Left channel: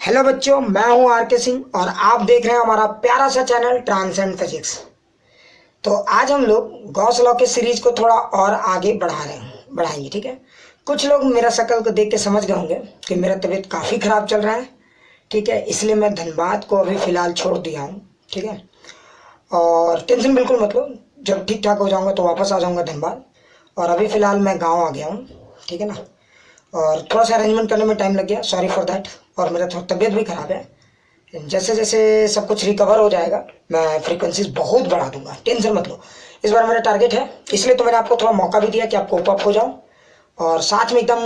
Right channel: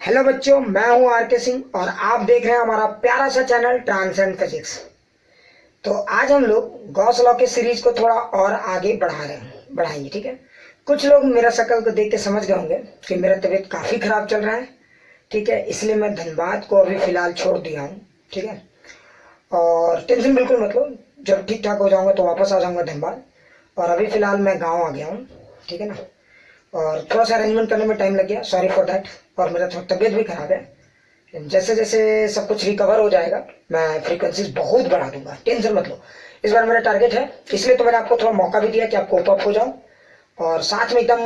Hello बच्चों, मैं हूं आर के सिंह और आप देख रहे हैं हमारा प्यारा सा चैनल ट्रांसेंड फिजिक्स। तो आज हम लोग गॉस लॉ के सीरीज को थोड़ा और आगे बढ़ाएंगे। ठीक है, कुछ लोग मेरा शक्ल को देख के समझ गए होंगे कि मेरा तबीयत काफ़ी ख़राब चल रहा है। ठीक है, इसलिए मैं धनबाद को अभी फ़िलहाल छोड़ दिया हूँ। ठीक है, और टेंशन बिल्कुल मत लो, जब ठीक ठाक हो जाऊँगा तो वापस आ जाऊँगा धनबाद। और अभी फ़िलहाल मैं गाँव आ गया हूँ। ठीक है ना, और थोड़ा सा अरेंजमेंट करने में टाइम लग गया, सॉरी फॉर दैट। और मेरा थोड़ा तबीयत भी ख़राब है। जैसे जैसे सब कुछ रिकवर हो जाएगा मैं फ्रीक्वेंसीज बहुत बढ़ा दूंगा, टेंशन मत लो। इस बार मेरा टारगेट है, इसलिए तो मैंने आपको थोड़ा मौका भी दिया कि आप कोप अप हो जाओ और साथ में एकदम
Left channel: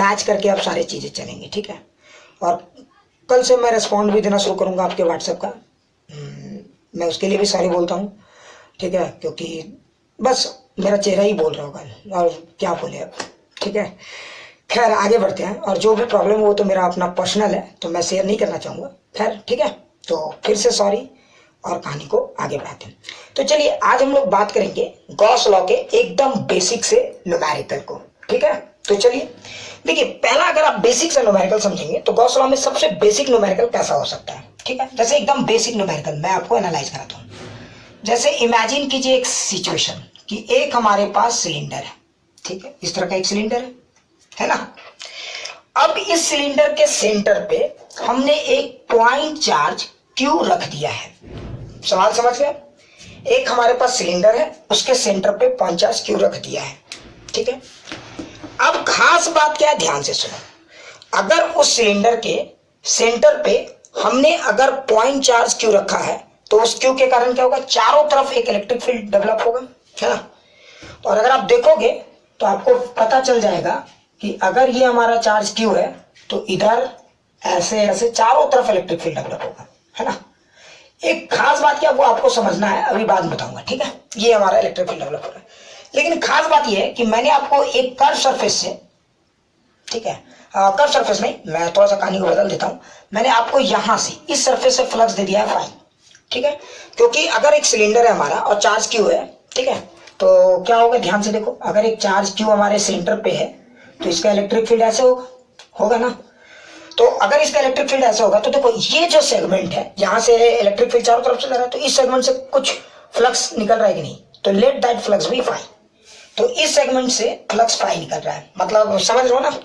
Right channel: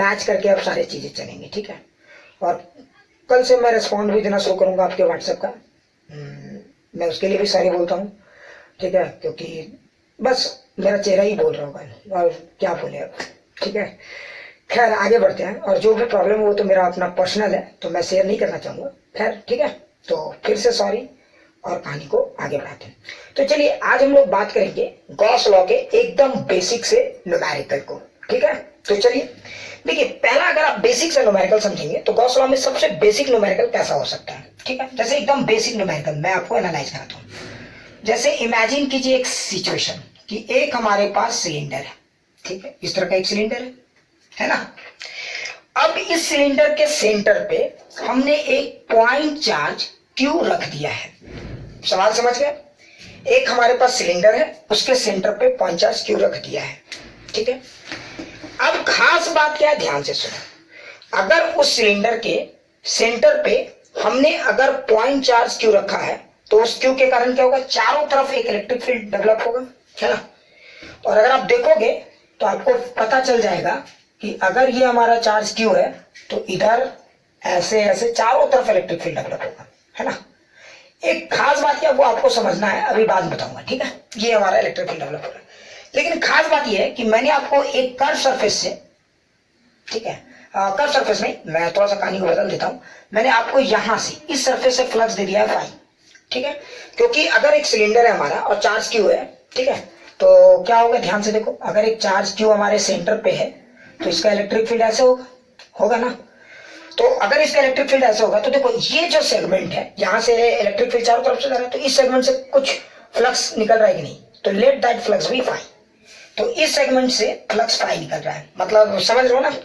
मैच करके आप सारी चीज़ें चलेंगी। ठीक है, और कल से मैं रिस्पॉन्ड भी देना शुरू करूँगा आपके व्हाट्सएप का। मैं उसके लिए भी सॉरी बोलता हूँ। ठीक है, क्योंकि बस मेरा चेहरा ही बोल रहा होगा और क्या बोले अब। ठीक है, खैर आगे बढ़ते हैं। और जो भी प्रॉब्लम हो वो तो मेरा अपना पर्सनल है, तो मैं शेयर नहीं करना चाहूँगा। खैर ठीक है, तो फिर से सॉरी और कहानी को आगे बढ़ाते हैं। तो चलिए आज हम लोग बात करेंगे गॉस लॉ के एकदम बेसिक से न्यूमेरिकल को। ठीक है, तो चलिए देखिए, पहला अगर आप बेसिक से न्यूमेरिकल समझेंगे तो गॉस लॉ में सबसे बेसिक न्यूमेरिकल कैसा हो सकता है। ठीक है, जैसे एकदम बेसिक न्यूमेरिकल मैं आपको एनालाइज कराता हूँ। जैसे इमेजिन कीजिए एक सिचुएशन कि एक हमारे पास सिलेंडर है। ठीक है, इस तरह का एक सिलेंडर है ना। अब इस सिलेंडर के सेंटर पे हमने एक पॉइंट चार्ज क्यू रख दिया है। सवाल समझ गए? एक हमारे पास सिलेंडर है, उसके सेंटर पे पॉइंट चार्ज क्यू रख दिया है। ठीक है, अब खास बात क्या है, ध्यान से सुनो। अगर उस सिलेंडर के सेंटर पे हमने अगर पॉइंट चार्ज क्यू रखा है तो उस क्यू के कारण क्या होगा, चारों तरफ एक इलेक्ट्रिक फील्ड डेवलप होगा, है ना। और अगर आप देखोगे तो आपको पता चल जाएगा कि अगर ये हमारा चार्ज क्यू है तो इधर ऐसे ऐसे चारों तरफ इलेक्ट्रिक फील्ड डेवलप होगा, है ना। एक खास बात क्या वो आपको समझना है, अभी बाद में बताऊंगा। ठीक है, ये हमारा इलेक्ट्रिक फील्ड डेवलप हो रहा है। लेकिन खास बात ये है कि मैंने आपको एक कर्व सरफेस से, ठीक है, कर्व सरफेस नहीं, मैं थोड़ा सा कहानी को बदल देता हूं। मैंने आपको यहां से इस सरफेस से फ्लक्स दे दिया है फाई। ठीक है, क्योंकि अगर एक सिलेंडर है हमारा और चार्ज क्यू है, ठीक है, तो क्या होगा, ध्यान से देखो। अगर एक चार्ज क्यू हमारे सेंटर पे है तो इसका इलेक्ट्रिक फील्ड ऐसे होगा ना। तो अगर इसका इलेक्ट्रिक फील्ड ऐसे होगा तो देखो ये जो सेगमेंट है, यहां से इलेक्ट्रिक फील्ड चारों तरफ से जा रहा है, तो इस सेगमेंट से कुछ फ्लक्स निकल रहा है कि नहीं, तो let that flux be phi. तो इस सेगमेंट से फ्लक्स फाई निकल रहा है, मतलब समझ रहे हो ना।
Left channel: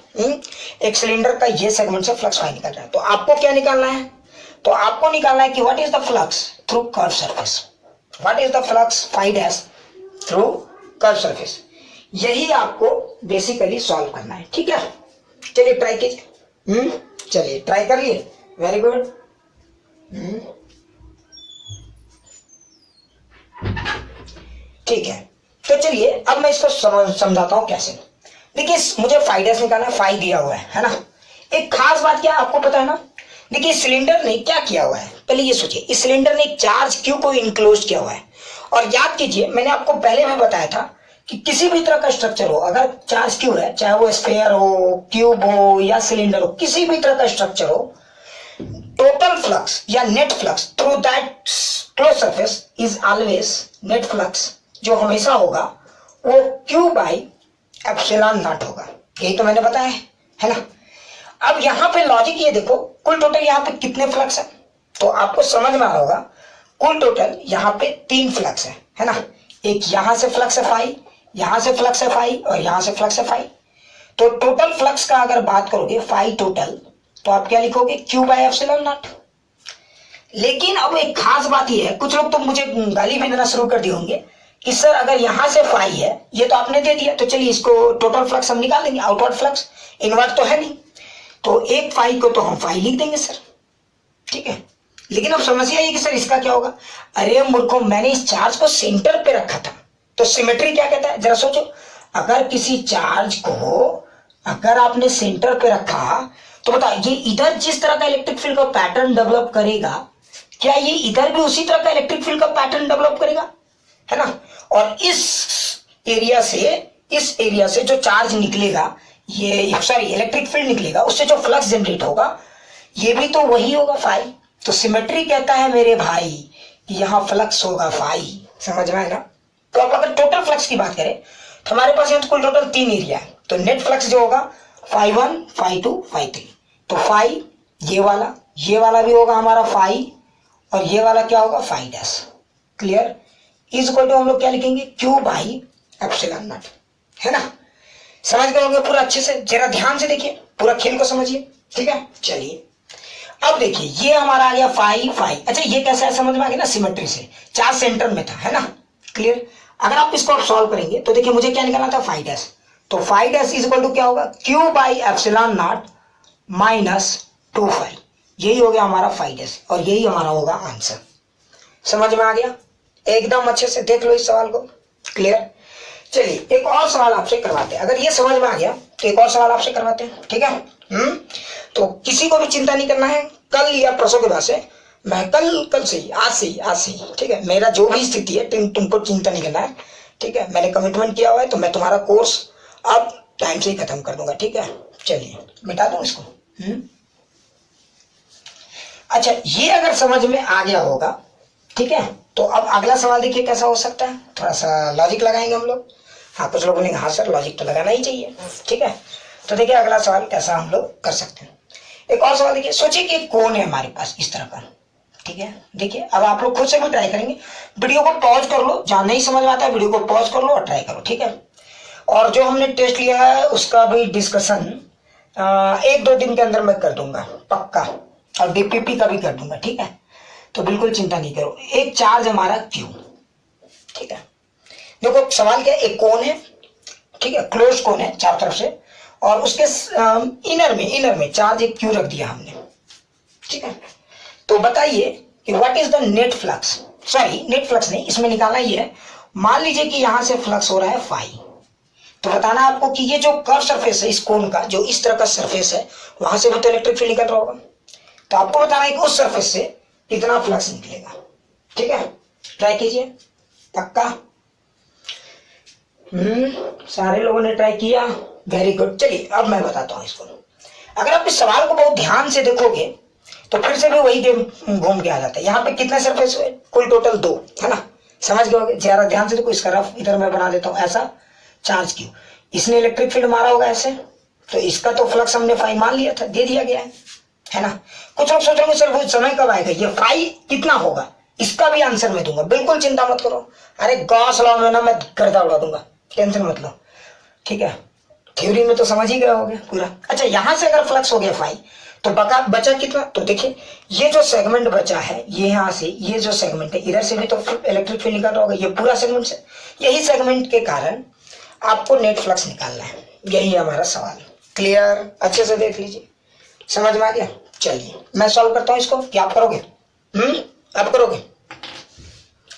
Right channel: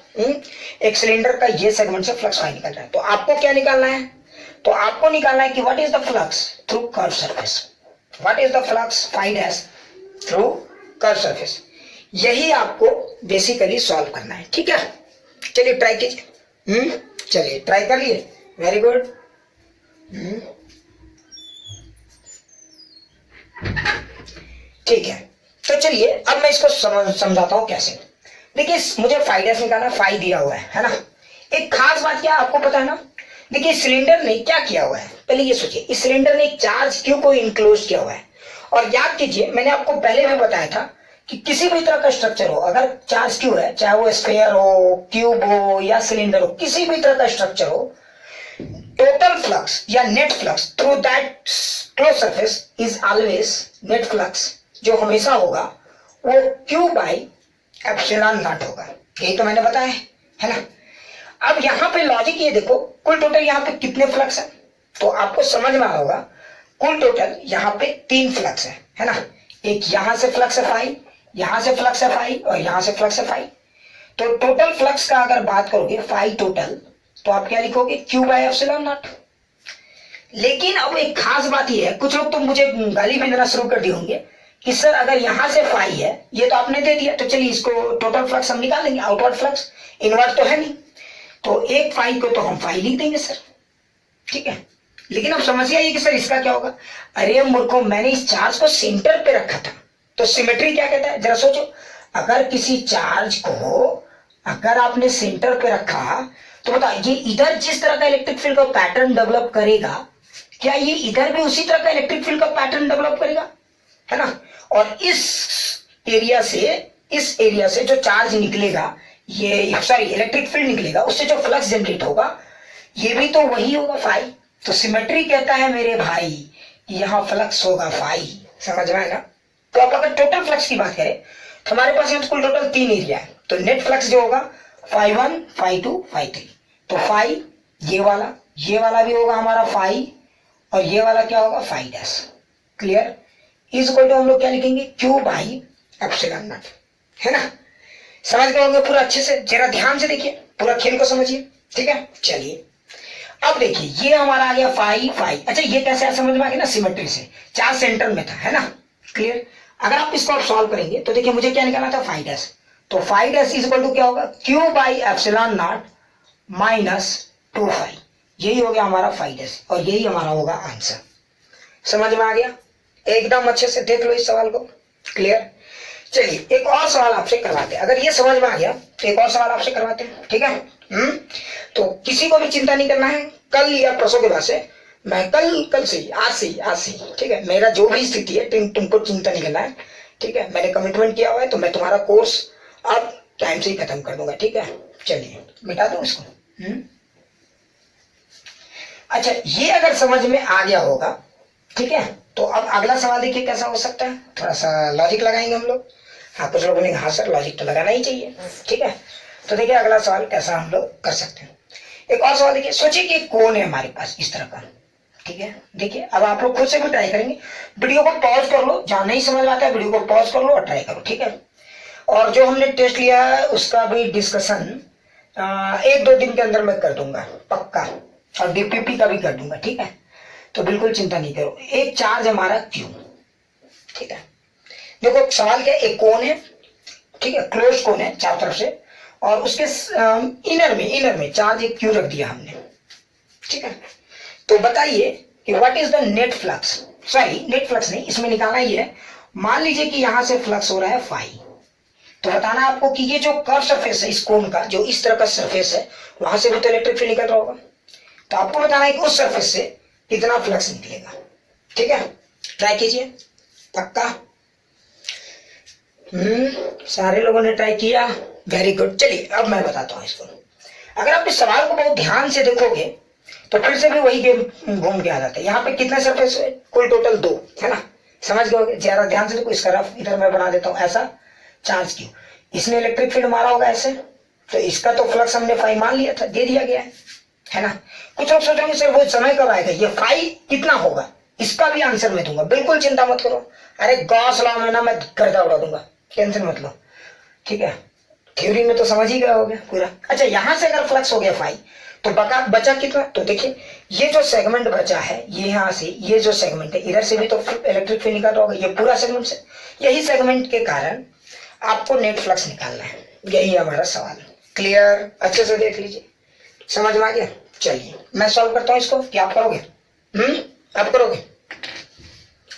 एक सिलेंडर का ये सेगमेंट से फ्लक्स फाई निकल रहा है। तो आपको क्या निकालना है, तो आपको निकालना है कि what is the flux through curve surface, what is the flux phi dash through curve surface. यही आपको बेसिकली सॉल्व करना है। ठीक है, चलिए ट्राई कीजिए। चलिए ट्राई कर लिए, वेरी गुड। ठीक है, तो चलिए अब मैं इसको समझाता हूं कैसे। देखिए मुझे फाई डैश निकालना, फाई दिया हुआ है ना। एक खास बात क्या आपको पता है ना, देखिए सिलेंडर ने क्या किया हुआ है, पहले ये सोचिए, इस सिलेंडर ने एक चार्ज क्यू को इनक्लोज किया हुआ है। और याद कीजिए मैंने आपको पहले भी बताया था कि किसी भी तरह का स्ट्रक्चर हो, अगर चार्ज क्यू है, चाहे वो स्फीयर हो, क्यूब हो या सिलेंडर हो, किसी भी तरह का स्ट्रक्चर हो, टोटल फ्लक्स या net flux through that close surface is always, net flux जो हमेशा होगा वो क्यू बाई एप्सिलॉन नॉट होगा। यही तो मैंने बताया है ना। अब यहाँ पे लॉजिक ये देखो, कुल टोटल यहाँ पे कितने फ्लक्स है, तो आपको समझ में होगा कुल टोटल यहाँ पे 3 फ्लक्स है ना। एक यहाँ से फ्लक्स है फाई, यहाँ से फ्लक्स है फाई और यहाँ से फ्लक्स है फाई। तो टोटल फ्लक्स का अगर बात करोगे फाई टोटल, तो आप क्या लिखोगे, क्यू बाई एप्सिलॉन नॉट। लेकिन अब एक खास बात यह है, कुछ लोग तो मुझे गाली भी देना शुरू कर दिए होंगे कि सर अगर यहां से फाई है, ये तो आपने दे दिया, तो चलिए इसको टोटल फ्लक्स हम निकाल देंगे, आउटवर्ड फ्लक्स, इनवर्ट तो है नहीं, तो एक फाई को तो हम फाई लिख देंगे सर। ठीक है, लेकिन अब समस्या ये कि सर इसका क्या होगा। अरे मूर्खों, मैंने इस चार्ज को सेंटर पे रखा था, तो सिमेट्री क्या कहता है, जरा सोचो। अगर किसी चार्ज को अगर आपने सेंटर पे रखा तो बताओ ये इधर जिस तरह का इलेक्ट्रिक फील्ड का पैटर्न डेवलप करेगा, क्या ये इधर भी उसी तरह का इलेक्ट्रिक फील्ड का पैटर्न डेवलप करेगा, है ना। और इस एरिया से जो चार्ज निकलेगा, ये सॉरी इलेक्ट्रिक फील्ड निकलेगा, उससे जो फ्लक्स जनरेट होगा ये भी तो वही होगा फाई। तो सिमेट्री कहता है मेरे भाई कि यहाँ फ्लक्स होगा फाई। समझ में आएगा। तो अब अगर टोटल फ्लक्स की बात करें तो हमारे पास यहाँ तो कुल टोटल 3 एरिया है, तो नेट फ्लक्स जो होगा फाई 1 फाई 2 फाई 3। तो फाई ये वाला भी होगा हमारा फाइव और ये वाला क्या होगा five dash. Clear. Is equal to हम लोग क्या लिखेंगे क्यू बाई एप्सिलॉन नॉट, है ना। समझ गए होंगे पूरा अच्छे से, जरा ध्यान से देखिए, पूरा खेल को समझिए, ठीक है। चलिए अब देखिए ये हमारा आ गया फाइव फाइव। अच्छा ये कैसे है समझ में आ गया ना, सिमेट्री से, चार्ज सेंटर में था, है ना। क्लियर। अगर आप इसको आप सॉल्व करेंगे तो देखिए मुझे क्या निकालना था फाइव डैश, तो five dash is equal to क्या होगा Q by epsilon naught minus 2 five. यही हो गया हमारा फाइव डैश और यही हमारा होगा आंसर। समझ में आ गया, एकदम अच्छे से देख लो इस सवाल को। क्लियर। चलिए एक और सवाल आपसे करवाते हैं, अगर ये समझ में आ गया तो एक और सवाल आपसे करवाते हैं, ठीक है। तो किसी को भी चिंता नहीं करना है, कल या परसों के बाद से मैं कल से ही आज से ही ठीक है, मेरा जो भी स्थिति है तुमको चिंता नहीं करना है, ठीक है। मैंने कमिटमेंट किया हुआ है तो मैं तुम्हारा कोर्स अब टाइम से ही खत्म कर दूंगा, ठीक है। चलिए मिटा दूं इसको। अच्छा ये अगर समझ में आ गया होगा, ठीक है, तो अब अगला सवाल देखिए कैसा हो सकता है, थोड़ा सा लॉजिक लगाएंगे हम लोग। हाँ कुछ लोगों ने हाँ सर लॉजिक तो लगाना ही चाहिए, ठीक है। तो देखिए अगला सवाल कैसा हम लोग कर सकते हैं। एक और सवाल देखिए, सोचिए कि एक कोन है हमारे पास इस तरह का, ठीक है। देखिए अब आप लोग खुद से भी ट्राई करेंगे, वीडियो को पॉज कर लो, जहां नहीं समझ में आता है वीडियो को पॉज कर लो और ट्राई करो, ठीक है। और जो हमने टेस्ट लिया है उसका भी डिस्कशन 1-2 दिन के अंदर मैं कर दूंगा पक्का, और डीपीपी का भी कर दूंगा, ठीक है। तो बिल्कुल चिंता नहीं करो। एक चार्ज हमारा क्यू, ठीक है। देखो सवाल क्या, एक कोन है, ठीक है, क्लोज कोन है चारों तरफ से, और उसके इनर में चार्ज एक क्यू रख दिया हमने, ठीक है। तो बताइए कि what is the net flux, sorry net flux नहीं, इसमें निकालना ही है। मान लीजिए कि यहां से फ्लक्स हो रहा है फाई, तो बताना आपको कि ये जो कर्व सरफेस है इस कोन का, जो इस तरह का सरफेस है, वहां से भी तो इलेक्ट्रिक फील्ड निकल रहा होगा, तो आपको बताना है कि उस सरफेस से कितना फ्लक्स निकलेगा, ठीक है। ट्राई कीजिए पक्का। सारे लोगों ने ट्राई किया, वेरी गुड। चलिए अब मैं बताता हूं इसको। अगर आप इस सवाल को बहुत ध्यान से देखोगे तो फिर से भी वही गेम घूम के आ जाता है। यहाँ पे कितने सरफेस हुए, कुल टोटल 2, है ना। समझ गए, ज्यादा ध्यान से देखो, इसका रफ इधर मैं बना देता हूँ ऐसा, चार्ज क्यू, इसने इलेक्ट्रिक फील्ड मारा होगा ऐसे, तो इसका तो फ्लक्स हमने फाई मान लिया था, दे दिया गया है ना। कुछ लोग सोचेंगे सर वो समय कब आएगा, ये फाई कितना होगा, इसका भी आंसर मैं दूंगा, बिल्कुल चिंता मत करो। अरे गॉस लॉ में ना मैं गर्दा उड़ा दूंगा, टेंशन मत लो, ठीक है। थ्योरी में तो समझ ही गया होगा पूरा। अच्छा यहां से अगर फ्लक्स हो गया फाई, तो बचा कितना, तो देखिए ये जो सेगमेंट बचा है, ये यहाँ से ये जो सेगमेंट है इधर से भी तो इलेक्ट्रिक फील्ड निकल रहा होगा, ये पूरा सेगमेंट से, यही सेगमेंट के कारण आपको नेट फ्लक्स निकालना है, यही हमारा सवाल। क्लियर, अच्छे से देख लीजिए, समझ में आ गया। चलिए मैं सॉल्व करता हूँ इसको, क्या आप करोगे, आप करोगे,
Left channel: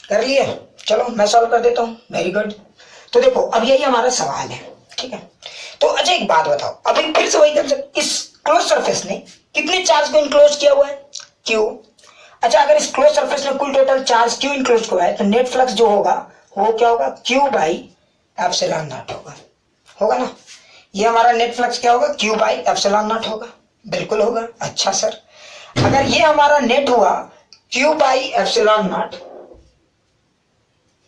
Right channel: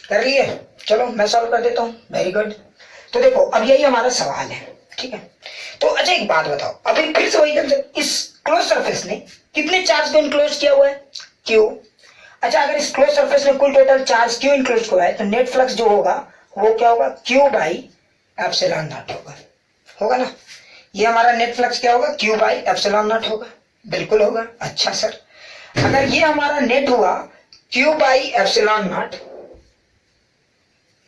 कर लिए, चलो मैं सॉल्व कर देता हूँ, वेरी गुड। तो देखो अब यही हमारा सवाल है, ठीक है। तो अच्छा एक बात बताओ, अभी फिर से वही इस क्लोज सरफेस ने कितने चार्ज को इनक्लोज किया हुआ है, क्यू। अच्छा अगर इस क्लोज सरफेस में कुल टोटल चार्ज क्यू इनक्लोज हुआ है, तो नेट फ्लक्स जो होगा वो क्या होगा, क्यू बाई एप्सिलॉन नॉट होगा ना। ये हमारा नेट फ्लक्स क्या होगा, क्यू बाई एप्सिलॉन नॉट होगा, बिल्कुल होगा। अच्छा सर अगर ये हमारा नेट हुआ क्यू बाई एप्सिलॉन नॉट,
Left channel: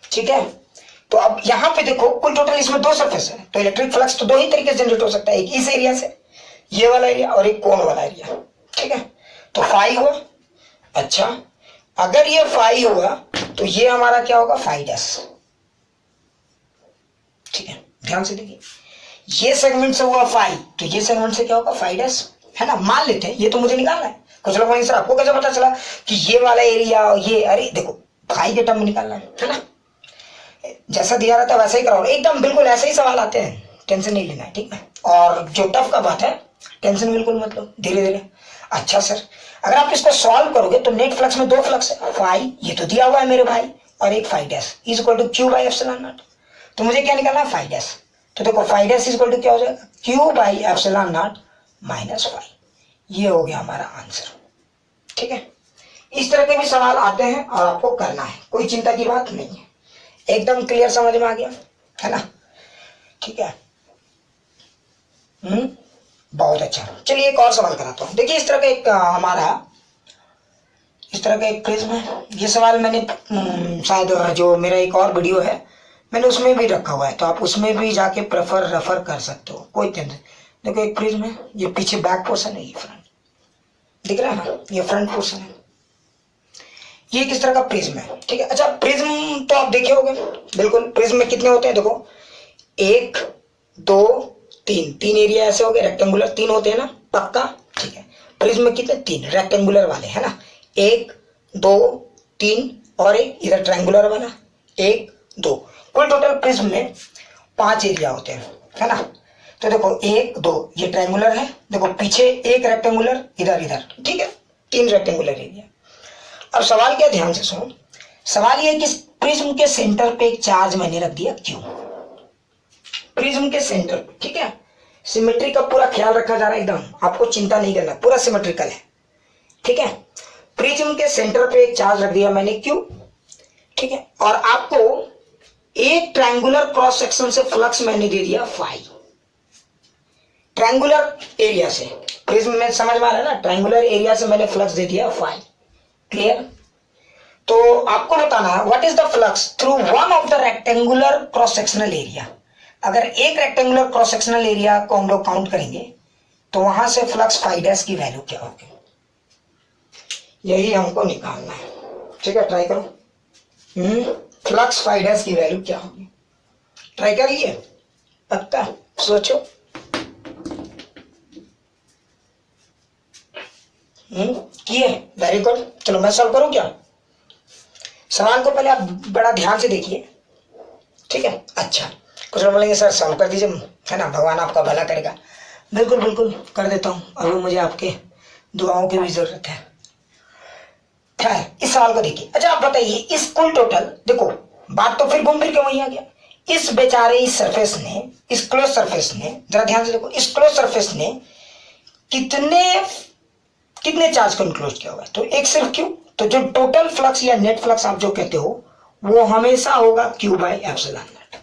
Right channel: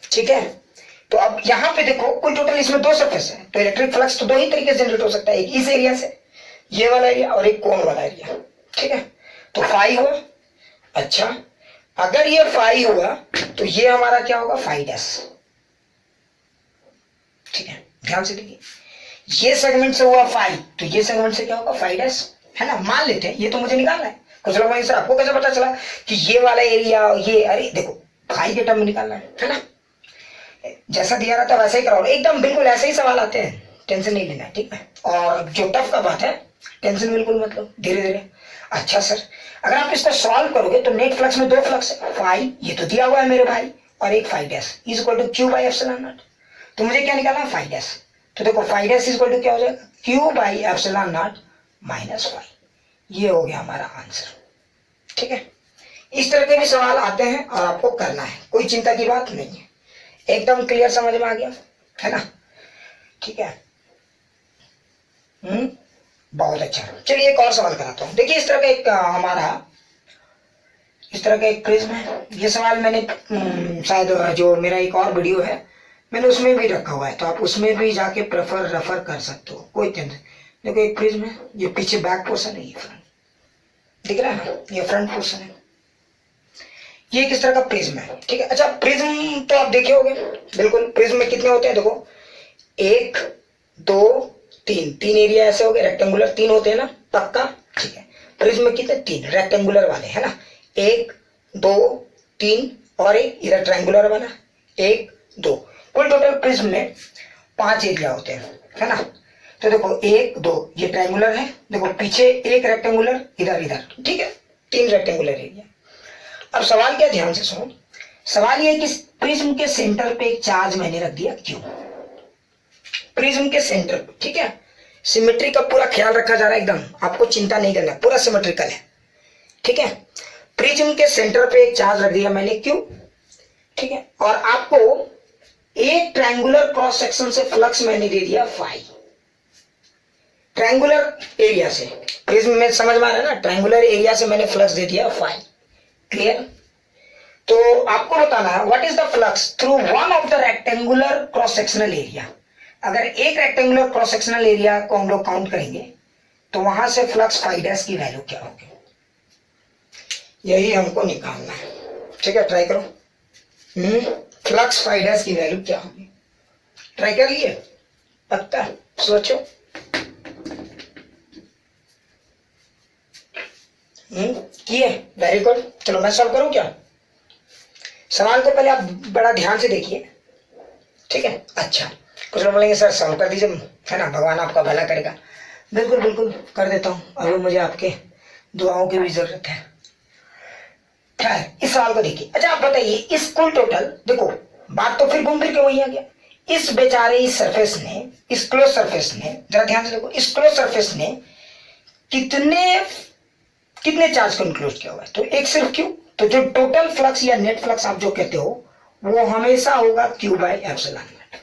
ठीक है, तो अब यहां पे देखो कुल टोटल इसमें 2 सरफेस है, तो इलेक्ट्रिक फ्लक्स तो 2 ही तरीके से जनरेट हो सकता है, एक इस एरिया से ये वाला एरिया और एक कोन वाला एरिया, ठीक है। तो फाई हुआ। अच्छा अगर ये फाई हुआ तो ये हमारा क्या होगा, फाई डैश, ठीक है। ध्यान से देखिए, ये सेगमेंट से हुआ फाई, तो ये सेगमेंट से क्या होगा, फाई डैश, है ना। मान लेते हैं, ये तो मुझे निकालना है। कुछ लोग बोलेंगे सर आपको कैसे पता चला कि ये वाला एरिया ये, अरे देखो फाई के टर्म में निकालना है ना, जैसा दिया रहता है वैसे ही कराओ, एकदम बिल्कुल ऐसे ही सवाल आते हैं, टेंशन नहीं लेना है, ठीक है। और जो टफ का बात है टेंशन बिल्कुल मत लो, धीरे धीरे। अच्छा सर अगर आप इसको सॉल्व करोगे तो नेट फ्लक्स में 2 फ्लक्स है, फाई ये तो दिया हुआ है मेरे भाई, और एक phi dash is equal to Q by epsilon naught, तो मुझे क्या निकालना, फाई डैश। तो देखो phi dash is equal to क्या हो जाएगा, Q by epsilon naught minus phi, ये हो गया हमारा आंसर, ठीक है। इस तरह के भी सवाल आते हैं और आपको करना है, कोई चिंता की बात नहीं है, एकदम क्लियर समझ में आ गया है ना, ठीक है। बहुत अच्छा। चलिए एक और सवाल कराता हूँ। देखिए इस तरह का एक इस तरह का एक प्रिज्म है, ये सवाल मैंने शायद जो मेरा एक और वीडियो है मैंने उसमें भी रखा हुआ है, तो आप उसमें भी जाके रेफर कर सकते हो, कोई टेंशन। देखो एक प्रिज्म है, ये पीछे बैक पोर्शन है, ये फ्रंट, दिख रहा है ना, ये फ्रंट पोर्शन है, ये किस तरह का प्रिज्म है, ठीक है। अच्छा प्रिज्म तो आप देखे होंगे, बिल्कुल। प्रिज्म में कितने होते हैं, देखो 1 2 3, 3 एरिया ऐसे हो गए रेक्टेंगुलर, 3 होते हैं ना, पक्का, ठीक है। प्रिज्म में कितने, 3 रेक्टेंगुलर वाले है ना, 1 2 3 और एक इधर ट्रायंगुलर वाला 1 2, कुल टोटल प्रिज्म में 5 एरिया होते हैं, है ना। तो देखो 1 2 ये ट्रायंगुलर है, देखो पीछे एक रेक्टेंगुलर, इधर इधर, ठीक है, 3 रेक्टेंगुलर एरिया। अब सवाल क्या, ध्यान से सुनो। सवाल ये है कि प्रिज्म के सेंटर पे एक चार्ज मैंने रख दिया क्यू, प्रिज्म के सेंटर पे, ठीक है। सिमेट्री का पूरा ख्याल रखा जा रहा है एकदम, आपको चिंता नहीं करना, पूरा सिमेट्रिकल है, ठीक है। प्रिज्म के सेंटर पे एक चार्ज रख दिया मैंने क्यू, ठीक है। और आपको एक ट्रायंगुलर क्रॉस सेक्शन से फ्लक्स मैंने दे दिया फाई, ट्रायंगुलर एरिया से, प्रिज्म में समझ में आ रहा है ना, ट्रायंगुलर एरिया से मैंने फ्लक्स दे दिया फाई, क्लियर। तो आपको बताना है what is the flux through one of the rectangular cross sectional area. अगर एक रेक्टेंगुलर क्रॉस सेक्शनल एरिया को हम लोग काउंट करेंगे तो वहां से फ्लक्स फाई डैश की वैल्यू क्या होगी, यही हमको निकालना है, ठीक है। ट्राई करो, फ्लक्स फाई डैश की वैल्यू क्या होगी, ट्राई कर लिए, पक्का सोचो, किए, वेरी गुड। चलो मैं सॉल्व करूं क्या, सवाल को पहले आप बड़ा ध्यान से देखिए, ठीक है। अच्छा कुछ लोग बोलेंगे सर सॉल्व कर दीजिए, है ना, भगवान आपका भला करेगा। बिल्कुल बिल्कुल कर देता हूँ, अभी मुझे आपके दुआओं की भी जरूरत है। खैर इस सवाल को देखिए। अच्छा आप बताइए इस कुल टोटल, देखो बात तो फिर घूम फिर के वही आ गया, इस बेचारे इस सरफेस ने, इस क्लोज सरफेस ने, जरा ध्यान से देखो, इस क्लोज सरफेस ने कितने चार्ज को इंक्लोज किया हुआ है, तो एक सिर्फ क्यू। तो जो टोटल फ्लक्स या नेट फ्लक्स आप जो कहते हो वो हमेशा होगा क्यू बाई एप्सिलॉन नॉट।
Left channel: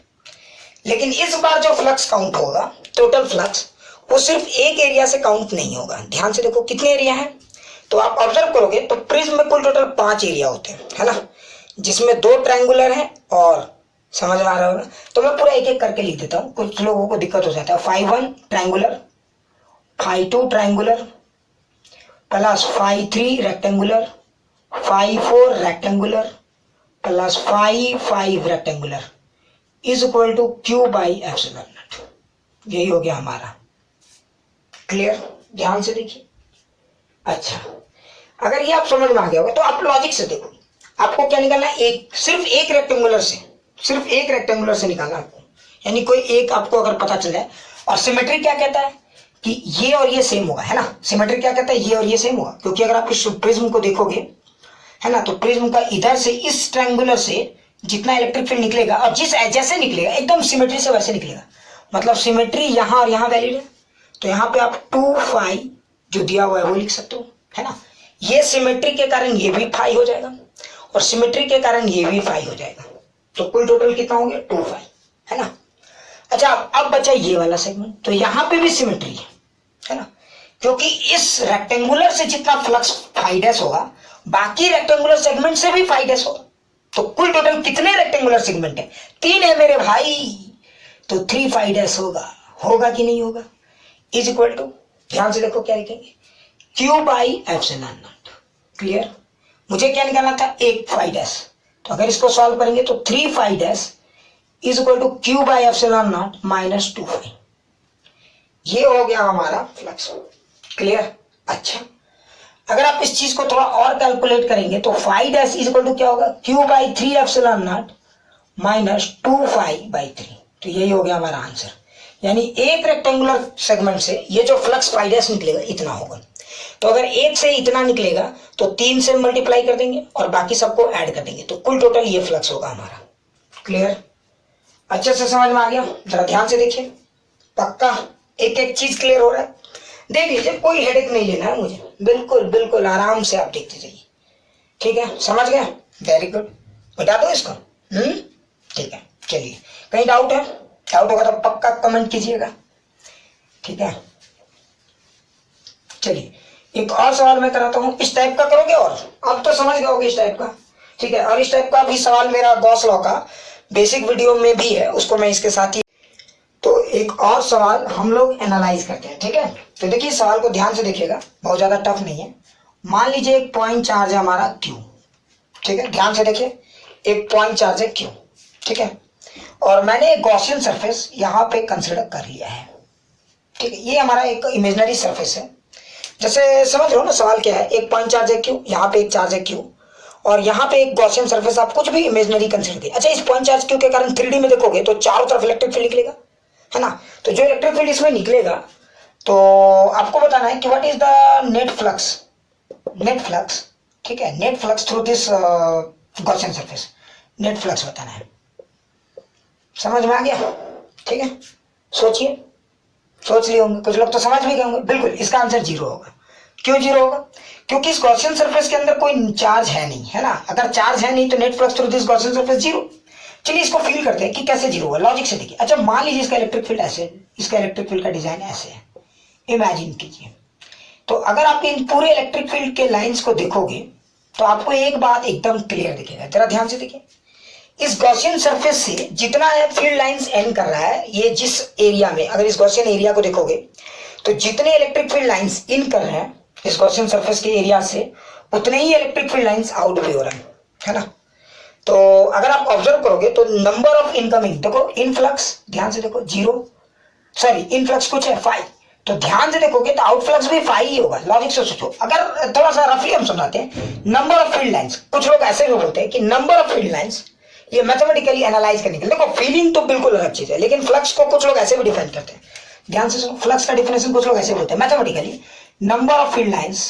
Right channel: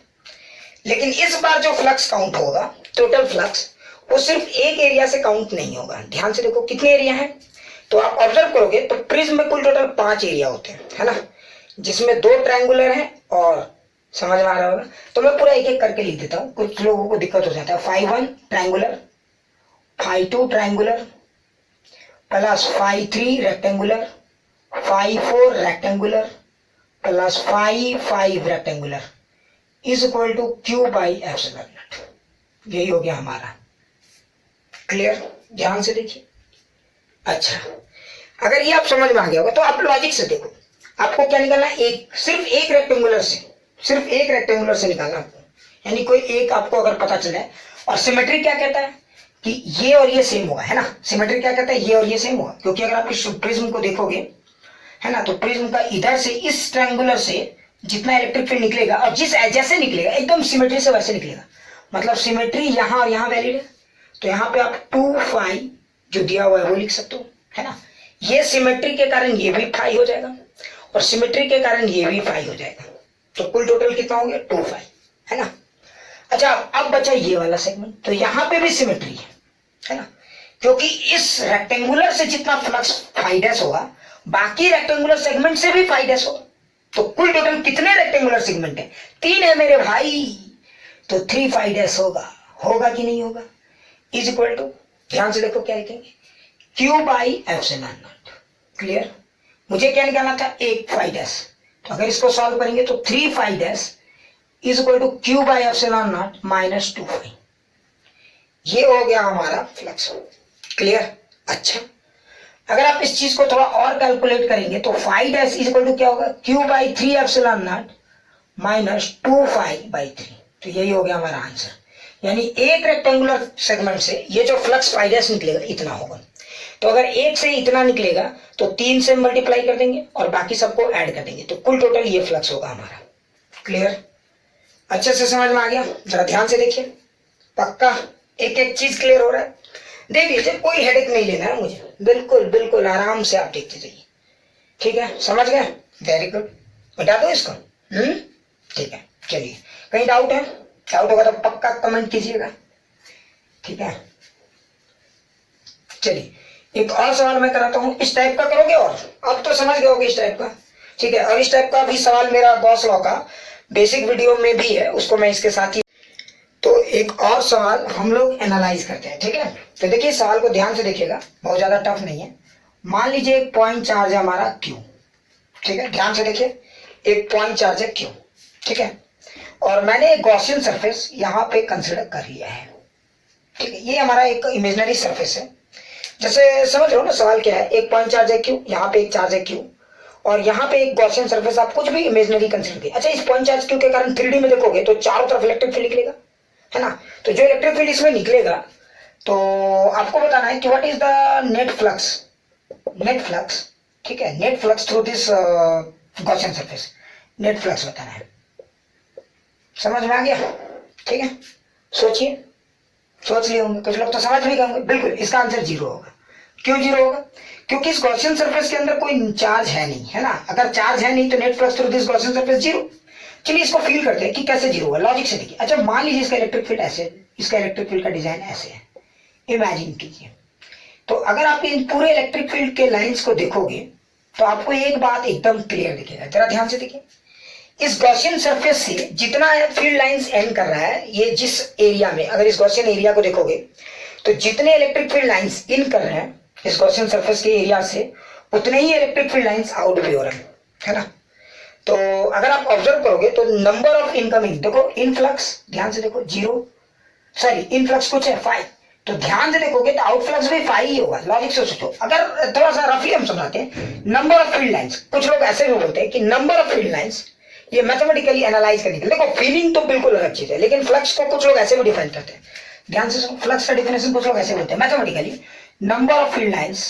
लेकिन इस बार जो फ्लक्स काउंट होगा, टोटल फ्लक्स, वो सिर्फ एक एरिया से काउंट नहीं होगा। ध्यान से देखो कितने एरिया हैं, तो आप ऑब्जर्व करोगे तो प्रिज्म में कुल टोटल 5 एरिया होते हैं, है ना, जिसमें 2 ट्रायंगुलर हैं, और समझ आ रहा होगा तो मैं पूरा एक एक करके लिख देता हूँ, कुछ लोगों को दिक्कत हो जाता है। Phi 1 triangular, phi 2 triangular, plus phi 3 rectangular, phi 4 rectangular, plus phi 5 rectangular is equal to Q by epsilon naught. यही हो गया हमारा, क्लियर, ध्यान से देखिए। अच्छा अगर ये आप समझ में आ गया होगा तो आप लॉजिक से देखो, आपको क्या निकालना है, एक सिर्फ एक रेक्टेंगुलर से, सिर्फ एक रेक्टेंगुलर से निकालना आपको, यानी कोई एक आपको अगर पता चल जाए। और सिमेट्री क्या कहता है कि ये और ये सेम होगा, है ना, सिमेट्री क्या कहता है, ये और ये सेम होगा, क्योंकि अगर आप इस प्रिज्म को देखोगे, है ना, तो प्रिज्म का इधर से इस ट्रायंगुलर से जितना इलेक्ट्रिक फील्ड निकलेगा और जिस जैसे निकलेगा एकदम सिमेट्री से वैसे निकलेगा, मतलब सिमेट्री यहाँ और यहाँ वैलिड है। तो यहाँ पे आप 2 फाई जो दिया हुआ है वो लिख सकते हो, है ना, ये सिमेट्री के कारण ये भी फाई हो जाएगा और सिमेट्री के कारण ये भी फाई हो जाएगा, तो कुल टोटल कितना हो गया 2 फाई, है ना। अच्छा अब बचा ये वाला सेगमेंट, तो यहाँ पे भी सिमेट्री है ना, क्योंकि इस रेक्टेंगुलर से जितना फ्लक्स फाई डैश होगा बाकी रेक्टेंगुलर सेगमेंट से भी फाई डैश होगा। तो कुल टोटल कितने रेक्टेंगुलर सेगमेंट है, 3 है मेरे भाई, तो 3 फाई डैश होगा कि नहीं होगा, इज इक्वल टू, ध्यान से देखो क्या लिखेंगे, Q by epsilon not, clear. मुझे क्या निकालना था, एक फाई डैश, तो अगर इसको सॉल्व करेंगे तो 3 phi dash is equal to Q by epsilon naught minus 2 phi, ये हो गया हमारा फ्लक्स, क्लियर। अच्छा अगर आप इस चीज को थोड़ा और कैलकुलेट करेंगे तो phi dash is equal to क्या होगा, Q by 3 epsilon naught minus 2 phi by 3, तो यही हो गया हमारा आंसर। यानी एक रेक्टेंगुलर सेगमेंट से ये जो फ्लक्स फाई डैश निकलेगा इतना होगा, तो अगर एक से इतना निकलेगा तो 3 से मल्टीप्लाई कर देंगे और बाकी सबको ऐड कर देंगे, तो कुल टोटल ये फ्लक्स होगा हमारा, क्लियर, अच्छे से समझ में आ गया। जरा ध्यान से देखिए, पक्का एक एक चीज क्लियर हो रहा है, देख लीजिए, कोई हेडेक नहीं लेना है मुझे, बिल्कुल बिल्कुल आराम से आप देखते जाइए, ठीक है, समझ गए, वेरी गुड। बता दो इसको, ठीक है, चलिए कहीं डाउट है, डाउट होगा तो पक्का कमेंट कीजिएगा, ठीक है। चलिए एक और सवाल मैं कराता हूँ, इस टाइप का करोगे और अब तो समझ गए होगे इस टाइप का, ठीक है। और इस टाइप का भी सवाल मेरा गॉस लॉ का बेसिक वीडियो में भी है, उसको मैं इसके साथ ही, तो एक और सवाल हम लोग एनालाइज करते हैं, ठीक है। तो देखिए सवाल को ध्यान से देखिएगा, बहुत ज्यादा टफ नहीं है मान लीजिए एक पॉइंट चार्ज है हमारा क्यू, ठीक है, ध्यान से देखिए, एक पॉइंट चार्ज है क्यू, ठीक है, और मैंने एक गॉसियन सरफेस यहां पे कंसिडर कर लिया है, ठीक है, ये हमारा एक इमेजिनरी सरफेस है। जैसे समझ लो ना सवाल क्या है, एक पॉइंट चार्ज है क्यू, यहाँ पे एक चार्ज है क्यू, और यहाँ पे एक गॉसियन सरफेस, आप कुछ भी इमेजिनरी कंसिडर कीजिए। अच्छा, इस पॉइंट चार्ज क्यू के कारण 3D में देखोगे तो चारों तरफ इलेक्ट्रिक फील्ड निकलेगा, है ना, तो जो इलेक्ट्रिक फील्ड इसमें निकलेगा, तो आपको बताना है कि what is the net flux, net flux, ठीक है, net flux through this Gaussian surface, net flux बताना है। समझ में आ गया? ठीक है, सोचिए, सोच लिए होंगे, कुछ लोग तो समझ भी गए होंगे। बिल्कुल, इसका आंसर 0 होगा। क्यों 0 होगा? क्योंकि इस गॉसियन सरफेस के अंदर कोई चार्ज है नहीं, है ना, अगर चार्ज है नहीं तो net flux through this Gaussian surface 0। चलिए इसको फील करते हैं कि कैसे 0 होगा, लॉजिक से देखिए। अच्छा, मान लीजिए इसका इलेक्ट्रिक फील्ड ऐसे, इसका इलेक्ट्रिक फील्ड का डिजाइन ऐसे है, इमेजिन कीजिए। तो अगर आप इन पूरे इलेक्ट्रिक फील्ड के लाइंस को देखोगे तो आपको एक बात एकदम क्लियर दिखेगा, जरा ध्यान से देखिए। इस गॉसियन सरफेस से जितना फील्ड लाइंस एंड कर रहा है, ये जिस एरिया में, अगर इस गॉसियन एरिया को देखोगे तो जितने इलेक्ट्रिक फील्ड लाइंस इन कर रहे हैं इस गॉसियन सरफेस के एरिया से, उतने ही इलेक्ट्रिक फील्ड लाइंस आउट भी हो रहे हैं, है ना। तो अगर आप ऑब्जर्व करोगे तो नंबर ऑफ इनकमिंग, देखो इनफ्लक्स, ध्यान से देखो 0, सॉरी इनफ्लक्स कुछ है 5, तो ध्यान से देखोगे तो आउटफ्लक्स भी 5 ही होगा। लॉजिक से सोचो, अगर थोड़ा सा रफली हम समझाते हैं, नंबर ऑफ फील्ड लाइंस, कुछ लोग ऐसे भी बोलते हैं कि नंबर ऑफ फील्ड लाइंस, ये मैथमेटिकली एनालाइज करने के लिए, देखो फीलिंग तो बिल्कुल अलग चीज है, लेकिन फ्लक्स को कुछ लोग ऐसे भी डिफाइन करते हैं। ध्यान से सुनो, फ्लक्स का डिफिनेशन कुछ लोग ऐसे बोलते हैं mathematically, number of field lines,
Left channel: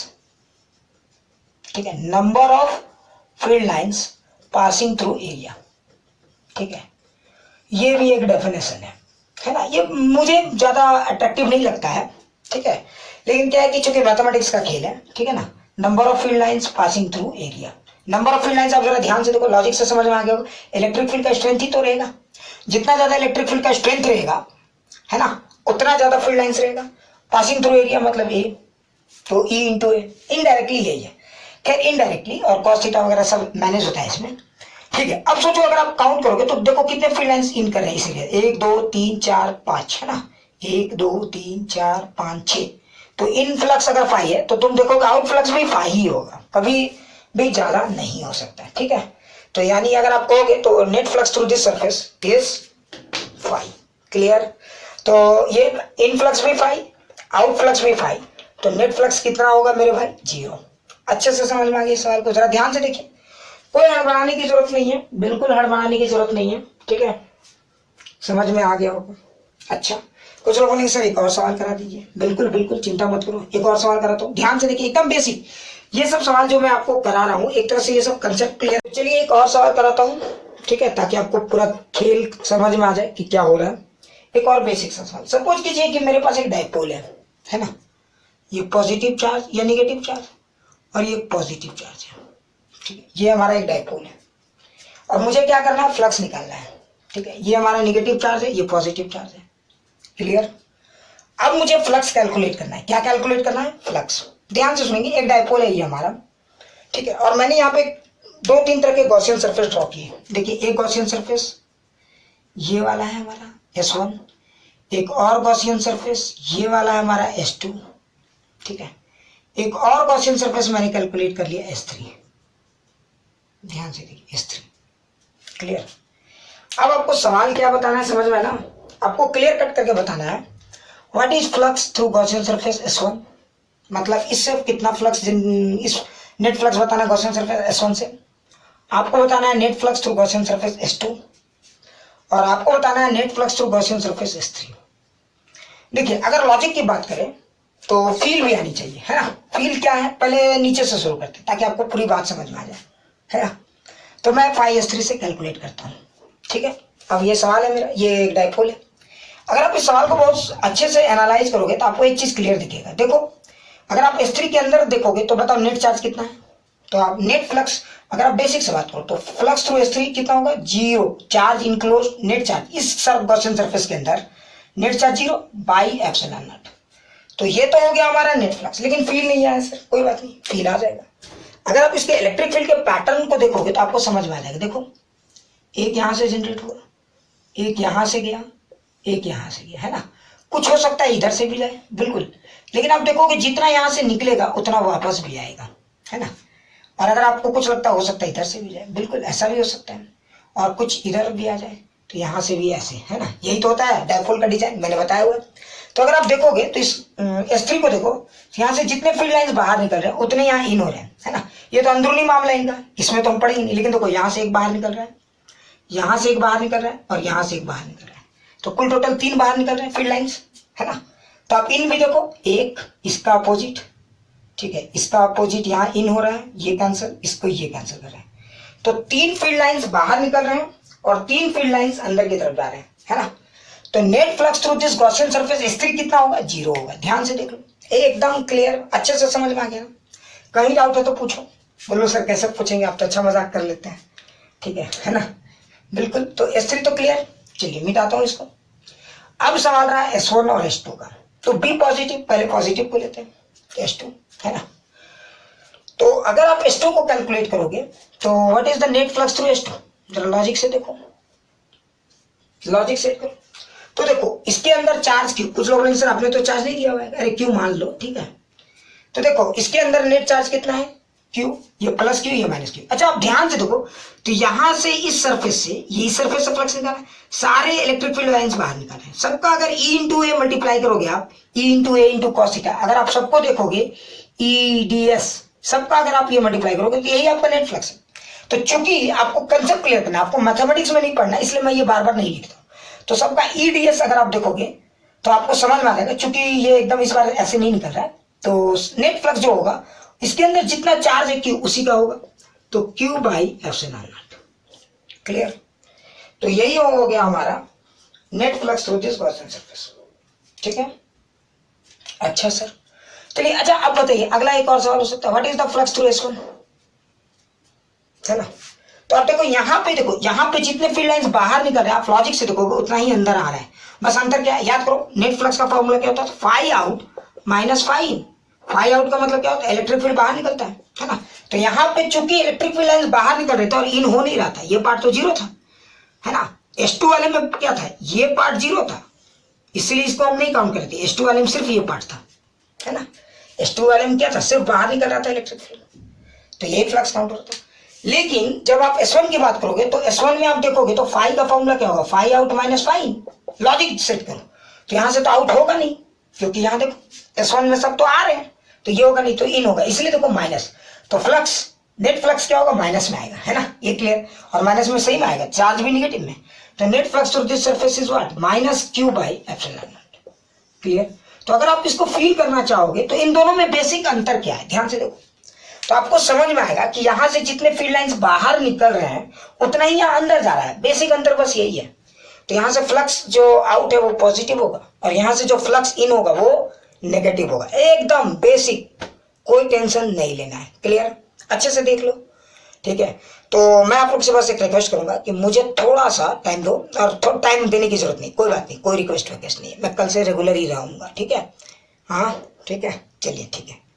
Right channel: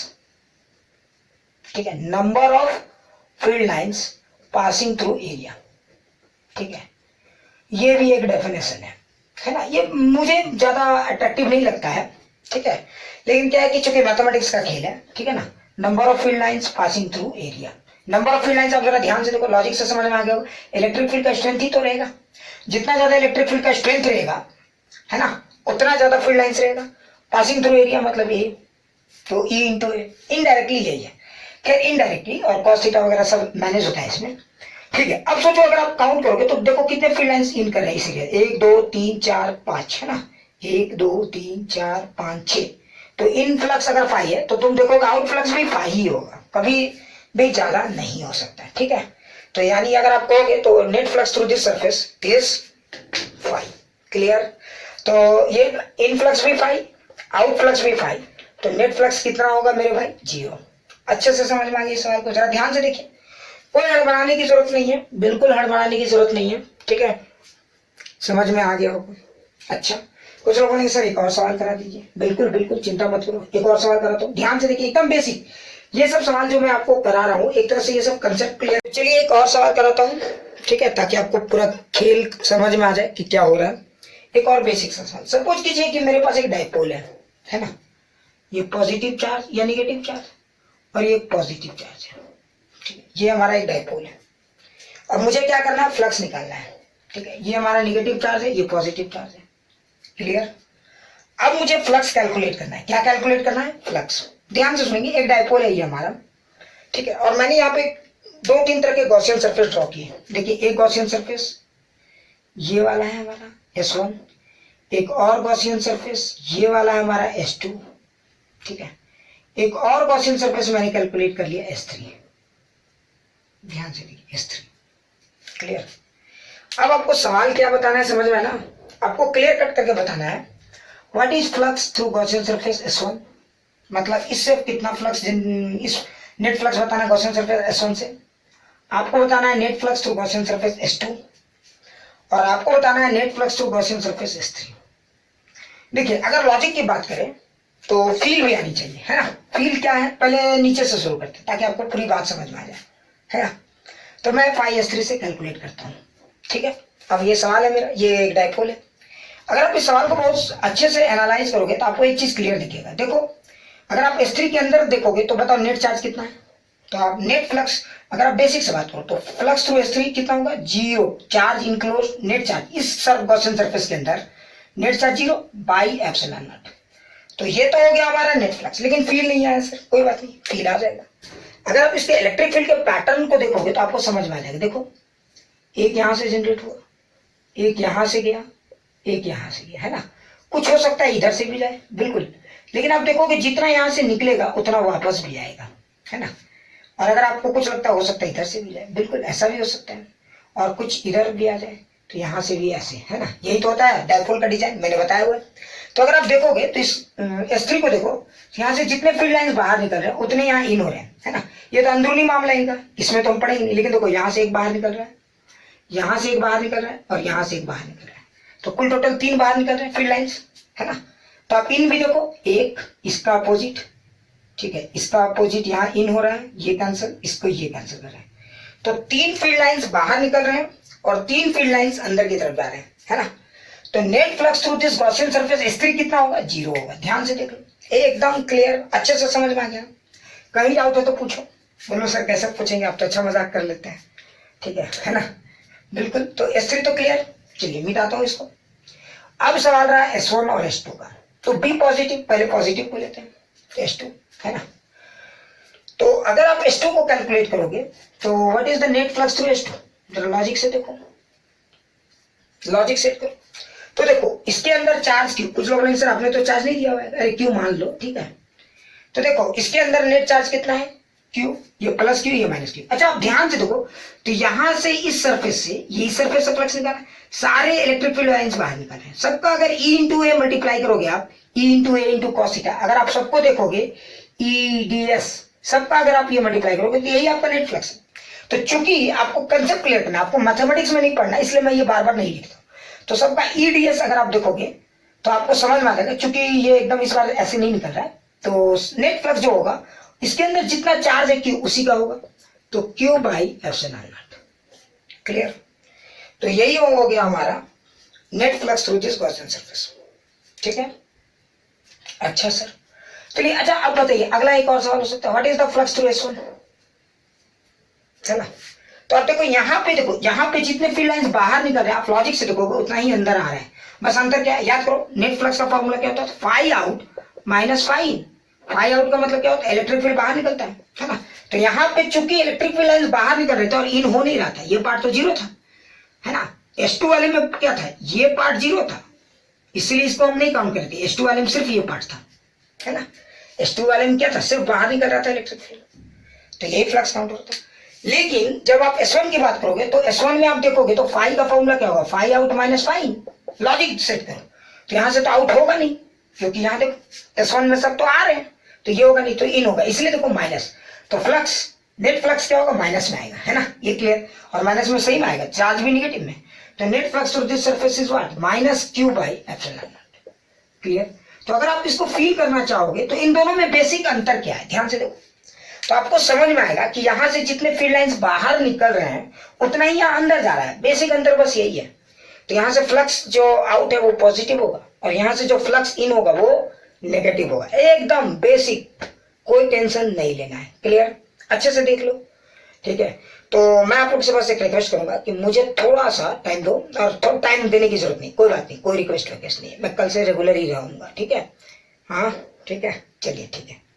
ठीक है, number of field lines passing through area, ठीक है, ये भी एक डेफिनेशन है ना। ये मुझे ज्यादा अट्रैक्टिव नहीं लगता है, ठीक है, लेकिन क्या है कि चूंकि मैथमेटिक्स का खेल है, ठीक है ना, number of field lines passing through area, number of field lines, आप जरा ध्यान से देखो, लॉजिक से समझ में आ गया होगा। इलेक्ट्रिक फील्ड का स्ट्रेंथ ही तो रहेगा, जितना ज्यादा इलेक्ट्रिक फील्ड का स्ट्रेंथ रहेगा, है ना, उतना ज्यादा फील्ड लाइंस रहेगा। पासिंग थ्रू एरिया मतलब ए, तो ई इंटू ए, इनडायरेक्टली यही है। खैर इनडायरेक्टली और कॉस थीटा वगैरह सब मैनेज होता है इसमें, ठीक है। अब सोचो, अगर आप काउंट करोगे तो देखो कितने फील्ड लाइंस इन कर रहे हैं इसीलिए, 1 2 3 4 5, है ना, 1 2 3 4 5 6, तो इन फ्लक्स अगर 5 है तो तुम देखोगे आउट फ्लक्स भी 5 ही होगा, कभी भी ज्यादा नहीं हो सकता है, ठीक है। तो यानी अगर आप कहोगे तो net flux through this surface is 5, clear. तो ये इन फ्लक्स भी 5, आउट फ्लक्स भी 5, तो नेट फ्लक्स कितना होगा मेरे भाई? 0। अच्छे से समझ में आ गया इस सवाल को, जरा ध्यान से देखिए, कोई हड़बड़ाने की जरूरत नहीं है, बिल्कुल हड़बड़ाने की जरूरत नहीं है, ठीक है, समझ में आ गया होगा। अच्छा, कुछ लोगों ने सर एक और सवाल करा दीजिए, बिल्कुल बिल्कुल चिंता मत करो, एक और सवाल कराता हूँ, ध्यान से देखिए, एकदम बेसिक, ये सब सवाल जो मैं आपको करा रहा हूँ एक तरह से ये सब कंसेप्ट क्लियर। चलिए एक और सवाल कराता हूँ, ठीक है, ताकि आपको पूरा खेल समझ में आ जाए कि क्या हो रहा है। एक और बेसिक सा सवाल, सपोज कीजिए कि मेरे पास एक डाइपोल है ना, ये पॉजिटिव चार्ज या निगेटिव चार्ज, और ये पॉजिटिव चार्ज है, ठीक है, ये हमारा एक डाइपोल है, और मुझे क्या करना है? फ्लक्स निकालना है, ठीक है, ये हमारा निगेटिव चार्ज है, ये पॉजिटिव चार्ज है, क्लियर। अब मुझे फ्लक्स कैलकुलेट करना है, क्या कैलकुलेट करना है? फ्लक्स। ध्यान से सुनेंगे, एक डाइपोल है ये हमारा, ठीक है, और मैंने यहाँ पे 2-3 तरह के गॉसियन सरफेस ड्रॉ किए। देखिए, एक गॉसियन सरफेस ये वाला है हमारा S1, एक और गॉसियन सरफेस ये वाला है हमारा S2, ठीक है, एक और गॉसियन सरफेस मैंने कैलकुलेट कर लिया S3, ध्यान से देखिए S3, क्लियर। अब आपको सवाल क्या बताना है समझ में ना, आपको क्लियर कट करके बताना है what is flux through Gaussian surface S1, मतलब इससे कितना फ्लक्स, इस नेट फ्लक्स बताना है गॉसियन सरफेस S1 से, आपको बताना है net flux through Gaussian surface S2, और आपको बताना है net flux through Gaussian surface S3। देखिए, अगर लॉजिक की बात करें तो फील भी आनी चाहिए, है ना। फील क्या है, पहले नीचे से शुरू करते हैं ताकि आपको पूरी बात समझ में आ जाए, है ना। तो मैं फाई S3 से कैलकुलेट करता हूँ, ठीक है। अब ये सवाल है मेरा, ये एक डाइपोल है। अगर आप इस सवाल को बहुत अच्छे से एनालाइज करोगे तो आपको एक चीज क्लियर दिखेगा। देखो, अगर आप S3 के अंदर देखोगे तो बताओ नेट चार्ज कितना है, तो आप नेट फ्लक्स, अगर आप बेसिक से बात करो तो फ्लक्स थ्रू S3 कितना होगा? 0, चार्ज इनक्लोज, नेट चार्ज इस गॉसियन सरफेस के अंदर net charge 0 by epsilon naught. तो ये तो हो गया हमारा नेट फ्लक्स, लेकिन फील नहीं आया सर, कोई बात नहीं, फील आ जाएगा। अगर आप इसके इलेक्ट्रिक फील्ड के पैटर्न को देखोगे तो आपको समझ में आ जाएगा। देखो, एक यहां से जनरेट हुआ, एक यहां से गया, एक यहां से गया, है ना। कुछ हो सकता है इधर से भी जाए, बिल्कुल, लेकिन आप देखोगे जितना यहां से निकलेगा उतना वापस भी आएगा, है ना। और अगर आपको कुछ लगता हो सकता है इधर से भी जाए, बिल्कुल ऐसा भी हो सकता है, और कुछ इधर भी आ जाए, तो यहाँ से भी ऐसे, है ना। यही तो होता है डायपोल का डिजाइन, मैंने बताया हुआ है। तो अगर आप देखोगे तो इस S3 को देखो, यहाँ से जितने फील्ड लाइंस बाहर निकल रहे हैं उतने यहाँ इन हो रहे हैं, है ना। ये तो अंदरूनी मामला है इनका, इसमें तो हम पढ़ेंगे नहीं, लेकिन देखो यहाँ से एक बाहर निकल रहा है, यहाँ से एक बाहर निकल रहा है, और यहाँ से एक बाहर निकल रहा है, तो कुल टोटल 3 बाहर निकल रहे हैं फील्ड लाइंस, है ना। तो आप इन भी देखो, एक इसका अपोजिट, ठीक है, इसका अपोजिट यहाँ इन हो रहा है, ये कैंसिल, इसको ये कैंसिल कर रहे हैं। तो 3 फील्ड लाइंस बाहर निकल रहे हैं और 3 फील्ड लाइंस अंदर की तरफ जा रहे हैं, है ना। तो net flux through this Gaussian surface S3 कितना होगा, 0 होगा। ध्यान से देख लो, एकदम क्लियर, अच्छे से समझ में आ गया। कहीं डाउट है तो पूछो। बोलो सर कैसे पूछेंगे, आप तो अच्छा मजाक कर लेते हैं, ठीक है ना। बिल्कुल, तो S3 तो क्लियर। चलिए मिटाता हूँ इसको। अब सवाल रहा S1 और S2 का। तो बी पॉजिटिव, पहले पॉजिटिव को लेते हैं, S2, है ना। तो अगर आप S2 को कैलकुलेट करोगे तो what is the net flux through S2, जरा लॉजिक से देखो, लॉजिक सेट करो। तो देखो इसके अंदर चार्ज क्यू, कुछ लोगों ने सर आपने तो चार्ज नहीं दिया हुआ है, अरे क्यू मान लो, ठीक है। तो देखो इसके अंदर नेट चार्ज कितना है, क्यू, ये प्लस क्यू, ये माइनस क्यू। अच्छा आप ध्यान से देखो, तो यहां से इस सरफेस से, ये इस सरफेस से फ्लक्स निकाला, सारे इलेक्ट्रिक फील्ड लाइंस बाहर निकाले हैं। सबका अगर E इंटू ए मल्टीप्लाई करोगे आप, E इंटू ए इंटू कॉस थीटा, अगर आप सबको देखोगे EDS, सबका अगर आप ये मल्टीप्लाई करोगे तो यही आपका नेट फ्लक्स है। तो चूंकि आपको कंसेप्ट क्लियर करना, आपको मैथमेटिक्स में नहीं पढ़ना, इसलिए मैं ये बार बार नहीं लिखता। तो सबका EDS अगर आप देखोगे तो आपको समझ में आ जाएगा, चूंकि ये एकदम इस बार ऐसे नहीं निकल रहा है, तो नेट फ्लक्स जो होगा इसके अंदर जितना चार्ज है क्यू उसी का होगा, तो Q by epsilon not. Clear. तो यही हो गया हमारा net flux through this Gaussian surface, ठीक है। अच्छा सर, चलिए अच्छा अब बताइए, अगला एक और सवाल हो सकता है, what is the flux through S1, है ना। तो आप देखो यहाँ पे, देखो यहाँ पे जितने फील्ड लाइंस बाहर निकल रहे हैं, आप लॉजिक से देखोगे उतना ही अंदर आ रहा है। बस अंतर क्या है याद करो, नेट फ्लक्स का फॉर्मूला क्या होता है, फाई आउट माइनस फाई इन। फाई आउट का मतलब क्या होता है, इलेक्ट्रिक फील्ड बाहर निकलता है ना। तो यहाँ पे चूंकि इलेक्ट्रिक फील्ड लाइंस बाहर निकल रहे थे और इन हो नहीं रहा था, ये पार्ट तो 0 था, है ना। S2 वाले में क्या था, ये पार्ट 0 था, इसीलिए इसको हम नहीं काउंट करते। S2 वाले में सिर्फ ये पार्ट था, है ना। S2 वाले में क्या था, सिर्फ बाहर निकल रहा था इलेक्ट्रिक फील्ड, तो यही फ्लक्स काउंट होता है। लेकिन जब आप S1 की बात करोगे तो S1 में आप देखोगे तो फाई का फॉर्मूला क्या होगा, फाई आउट माइनस फाई इन। लॉजिक सेट करो, तो यहां से तो आउट होगा नहीं, क्योंकि यहां देखो S1 में सब तो आ रहे हैं, तो ये होगा नहीं, तो इन होगा, इसलिए देखो माइनस। तो फ्लक्स, नेट फ्लक्स क्या होगा, माइनस में आएगा, है ना, ये क्लियर। और माइनस में सही में आएगा, चार्ज भी निगेटिव में। तो net flux through this surface is what, minus Q by epsilon not. Clear. तो अगर आप इसको फील करना चाहोगे तो इन दोनों में बेसिक अंतर क्या है, ध्यान से देखो, तो आपको समझ में आएगा कि यहां से जितने फील्ड लाइंस बाहर निकल रहे हैं उतना ही यहाँ अंदर जा रहा है। बेसिक अंतर बस यही है। तो यहां से फ्लक्स जो आउट है वो पॉजिटिव होगा, और यहां से जो फ्लक्स इन होगा वो नेगेटिव होगा। एकदम बेसिक, कोई टेंशन नहीं लेना है। क्लियर, अच्छे से देख लो, ठीक है। तो मैं आप लोग से बस एक रिक्वेस्ट करूंगा कि मुझे थोड़ा सा टाइम दो, और थोड़ा टाइम देने की जरूरत नहीं, कोई बात नहीं, कोई रिक्वेस्ट नहीं है, मैं कल से रेगुलर ही रहूंगा, ठीक है। हाँ ठीक है, चलिए ठीक है।